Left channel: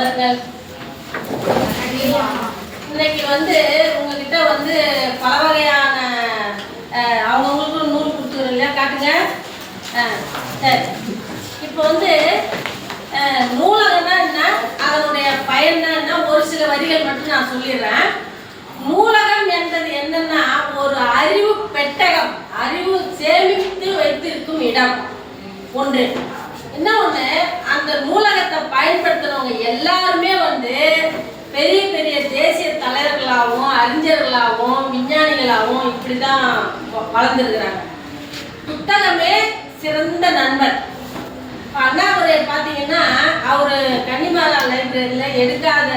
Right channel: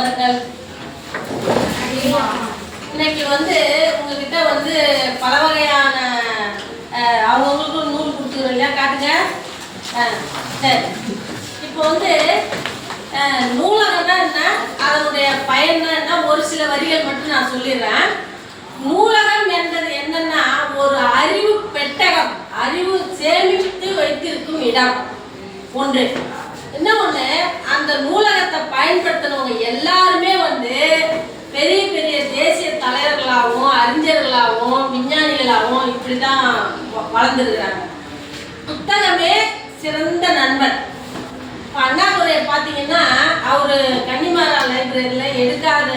அமருங்கள் இன்னைக்கு வந்து உங்ககிட்ட வந்து பல வகையான அவங்கவுங்களுக்கும் நூல் கொடுத்துருவோம் இல்லையா? காட்டுங்க. சரி. இப்போ வந்து நூலகம்னா என்ன? அதனுடைய பயன்னா என்ன? ஒரு சில வரிகள் மட்டும் நான் சொல்லிடுறேன். நூலகம் என்பது என்னன்னா ஒரு அறிவு பெட்டகம் அறிவு சேமித்து வைத்திருக்கும் இடம். ஒன்று. இன்னொன்று அந்த நூலகத்தை பயன்படுத்தினவங்க எல்லாருமே வந்து பெரிய பெரிய தேசிய தலைவர்களாகவும் அறிஞர்களாகவும் விஞ்ஞானிகளாகவும் இப்படிதான் தான் வளர்ந்துருக்கிறாங்க. புத்தகமே சிறந்த நண்பன். இப்ப அண்ணாதுரை பார்த்தீங்கன்னா அவர் கன்னிமாரா லைப்ரரியில் எடுக்காத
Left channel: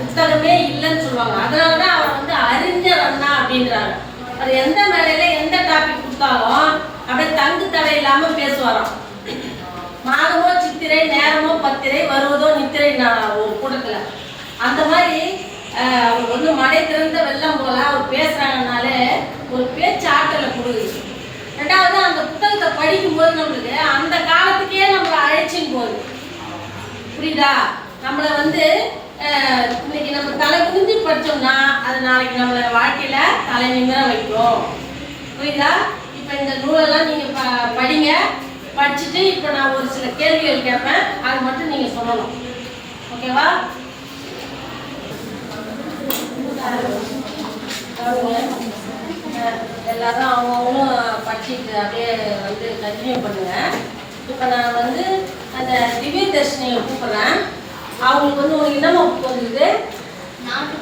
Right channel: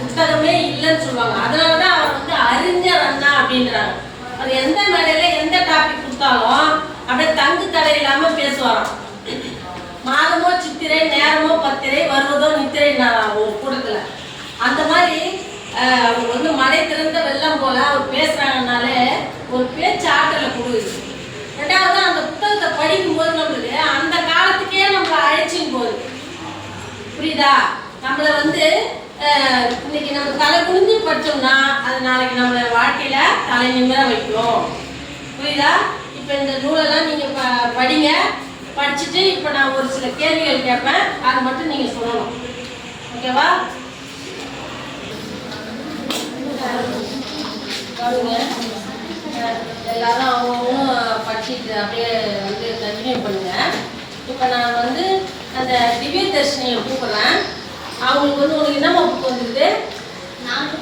புத்தகமே இல்லைன்னு சொல்லுவாங்க. அதனால தான் அவர் வந்து அறிஞர் அண்ணா அப்படின்றாங்க. அவர் எந்த மேடையில் எந்த டாபிக் கொடுத்தாலும் அப்படியே தங்கு தடை இல்லாமல் பேசுவாராம். மாதமோ சித்திரை நேரமோ பத்திரை வருவதோ நித்திரை நான் ஒரு கூட்டத்துல அந்த மாதிரி அவர் வந்து மழை திறந்த வெள்ளம் போல அவர் பேசுறாங்கனாலே ஒரு பேச்சு ஆற்றலை கொடுக்குது ரெண்டாவது அந்த புத்தகத்தை படிக்கும்போது நம்மளுக்கு அந்த காலத்துக்கே நம்மளை அழைச்சின்னு போகுது. புரியுதா? நம்மளை வந்து இன்னைக்கு நம்ம தலை குனிஞ்சு படிச்சோம்னா அது நாளைக்கு நம்ம வாழ்க்கையில தலை நிமிர வைக்கும். புரியுதா? இப்போ இந்த நூலெல்லாம் நீங்க ப- படிங்க. படிச்சுட்டு இப்போ நான் ஒரு சில கேள்விகள் கேட்பேன். அது மட்டும் நீங்க சொல்லணும். ஓகேவா? பாருங்க. எல்லாரும் அவங்கவுங்க படிச்சுட்டு அப்படியே வந்து கண்டினியூ பண்ணுங்க. இப்போ நான் வந்து அந்த திவ்ய தர்ஷினியை கூப்பிட்றேன். அவங்களுக்கு வந்து உனக்கு என்னம்மா புக் வந்துருக்குது? நாட்டுப்புற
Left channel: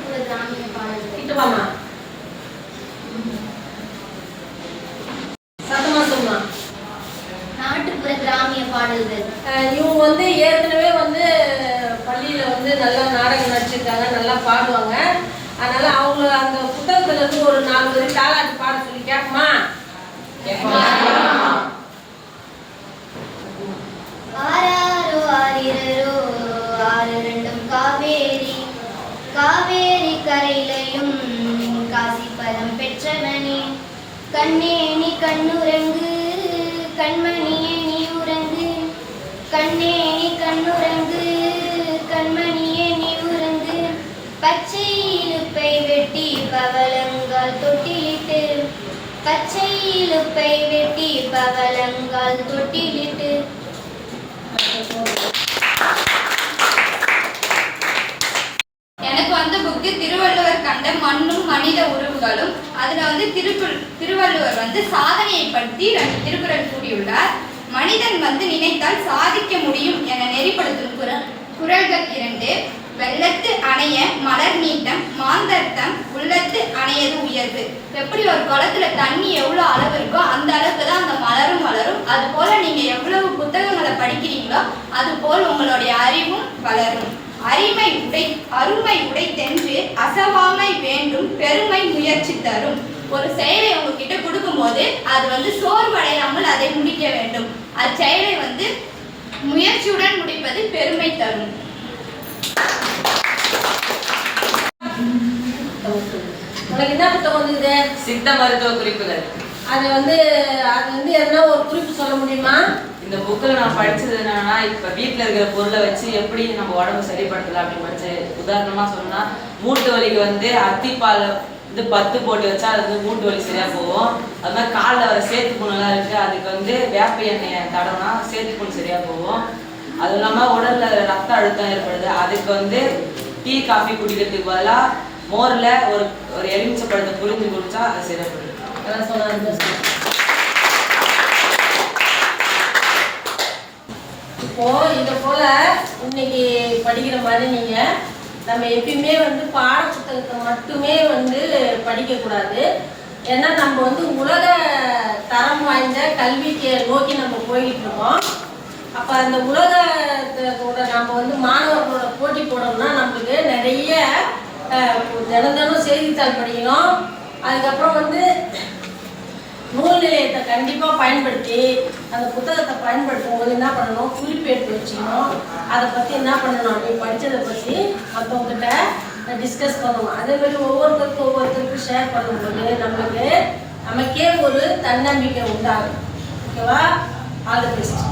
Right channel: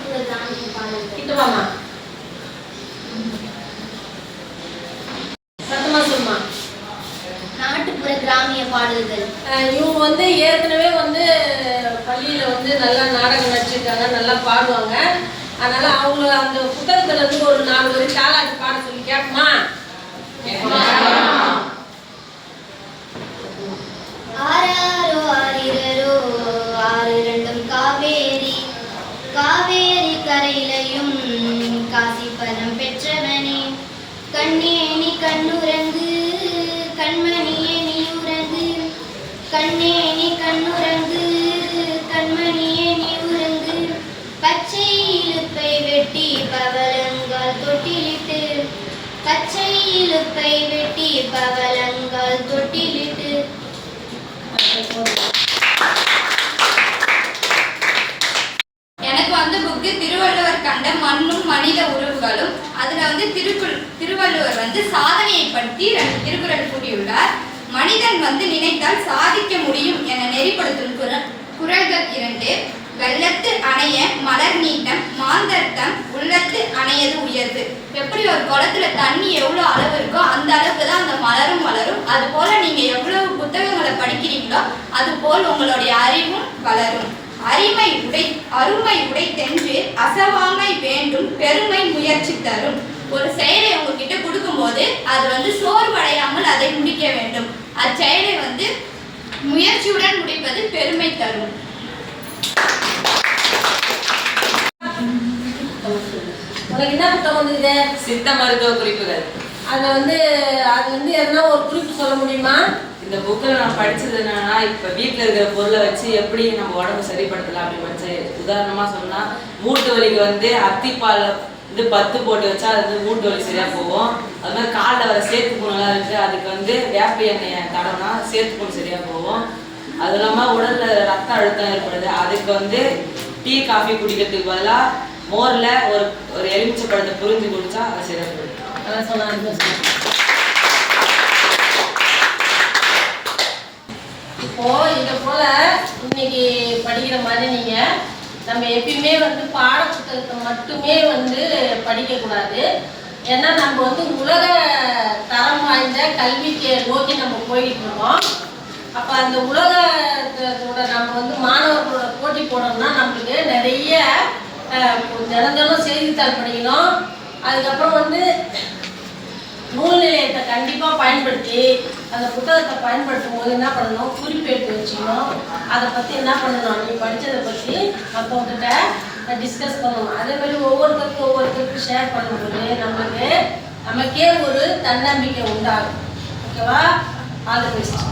பாடல்கள் இவங்க வந்து ஏற்கனவே வந்து பள்ளியில வந்து நல்லா நாடகம் நடிச்சிருக்காங்க நல்லா பாடுவாங்க. அதனால அவங்கள அந்த புத்தகத்துல இருந்து ஒரு நாலு வரி தாலாட்டு பாட சொல்லி கேட்போமா? ஆராரோ ஆரிரரோ ஆறு ரெண்டும் காவேரி. காவேரி கரையிலையும் காசி பதம் பெற்றவனே. கண்ணே நீ கண்ணுறங்கு கண்மணியே நீ உறங்கு கண்ணே நீ கண்ணுறங்கு கண்மணியே நீ உறங்கு. பச்சை இலுப்பை வெட்டி பவளங்கால் தொட்டிலிட்டு பச்சை இலுப்பை வெட்டி பவளங்கால் தொட்டிலிட்டு. எனக்கு வந்து புக்கு திருவள்ளுவர் கண்ட மண்ணும் மனித உறவுகளும் அதுல வந்து திருக்குள் திருவள்ளுவர் வந்து சாதனையை பற்றி ரெண்டு திருக்குறள் கூறியுள்ளார். மனிதன் வந்து நினைத்தால் சாதிக்க முடியும் என நெறிப்படுத்தும் குரல் குரல்கள் இரண்டு. வெள்ளத்து அணைய மலர் நீட்டம் மாந்தர்த்தம் உள்ளத்து அணையது உயர்வு. எப்படி ஒரு குளத்துல தண்ணி எவ்வளோ அளவு இருக்கோ அந்த அளவுக்கு தான் அந்த மலரும் வளரும். அது போல நீங்க எவ்வளவு புத்தகங்களை படிக்கிறீங்களோ அது போல் உங்களுடைய அறிவும் வளரும். அரிமை உடை அருமை உடை தென்று அசவாமை வேண்டும் பெருமை முயற்சி தரும். ஒரு செயலை உங்ககிட்ட கொடுக்கும்போது அது வந்து சோர்வடையாமல் அதை முடிக்க வேண்டும். அச்செயலை வந்து முயற்சியுடன் முடிப்பது பெருமை தரும். உனக்கு என்ன புத்தகம் வந்துருக்குது? சித்த மருத்துவ குறிப்புகள். அது வந்து அது வந்து எதனா ஒரு குறிப்பு சொல்ல முடியுமா? இந்த புக்கில் நான் படிச்சது என்னன்னா இப்போ வீட்டில் இருக்கிற பொருளை வச்சு எப்படி நம்ம உடம்பு சரிப்படுத்தலாம் அப்படின்னு படிச்சு உதாரணமாக சொன்னா மூட்டு வலிக்கு வந்து அத்திப்பால் இது பத்து போட்டு வச்சா அது வந்து மூட்டு வலி சரியா போகும். அது மாதிரி காலில் வர சேர்த்து புண்ணெல்லாம் இருக்கு அதுக்கு வந்து வேப்ப எண்ணெயை தடவுனா சேர்த்து புண் சரியா போகும். அது இல்லாமல் உடல்ல ரத்த அழுத்தம் ஏற்படுது. அதுக்கு வந்து டீ காஃபி குடிக்கிறதுக்கு பதிலாக மோரில் ஒரு ஒரு எலுமிச்சை பழத்தை புரிஞ்சு குடிச்சா அது சரியா போயிடும். அதான் சொன்னா இப்போ இத போல இன்னைக்கு படிக்கிற மாதிரி நீங்க நம்ம எப்பயுமே வந்து பாட புத்தகத்தை மட்டுமே வந்து படிக்கக்கூடாது. ஏன்னா நம்ம வந்து உலக தரம் வாய்ந்த கல்விக்கு நோக்கி நம்ம போயிட்டு இருக்கோம். அப்போ அந்த உலகத்தோட நம்ம வந்து மாணவர்களோட போட்டி போடணும்னா நம்மளுக்கு நிறைய அஹ், தினம் தினம் செய்தித்தாள் படிக்கணும். அதுக்கப்புறம் வந்து நூல் நிலையத்தை கண்டிப்பாக பயன்படுத்தி அந்த புத்தகத்தை பயன்படுத்தும் போது என்ன பண்ணணும்? குறிப்பெடுத்து வச்சுக்கணும். அதை பற்றி என்ன பண்ணணும்? நீ படித்ததை பற்றி மற்றவங்கிட்ட டிஸ்கஸ் பண்ணுவோம். அதே மாதிரி ஒவ்வொருத்தருக்கும் ஒவ்வொருத்தருக்கும் ஷேர் பண்ணும்போது நம்மளுக்கு நமக்கே ஒரு தன்னம்பிக்கை உண்டாகும். ஓகேவா ஆல் தி பெஸ்ட்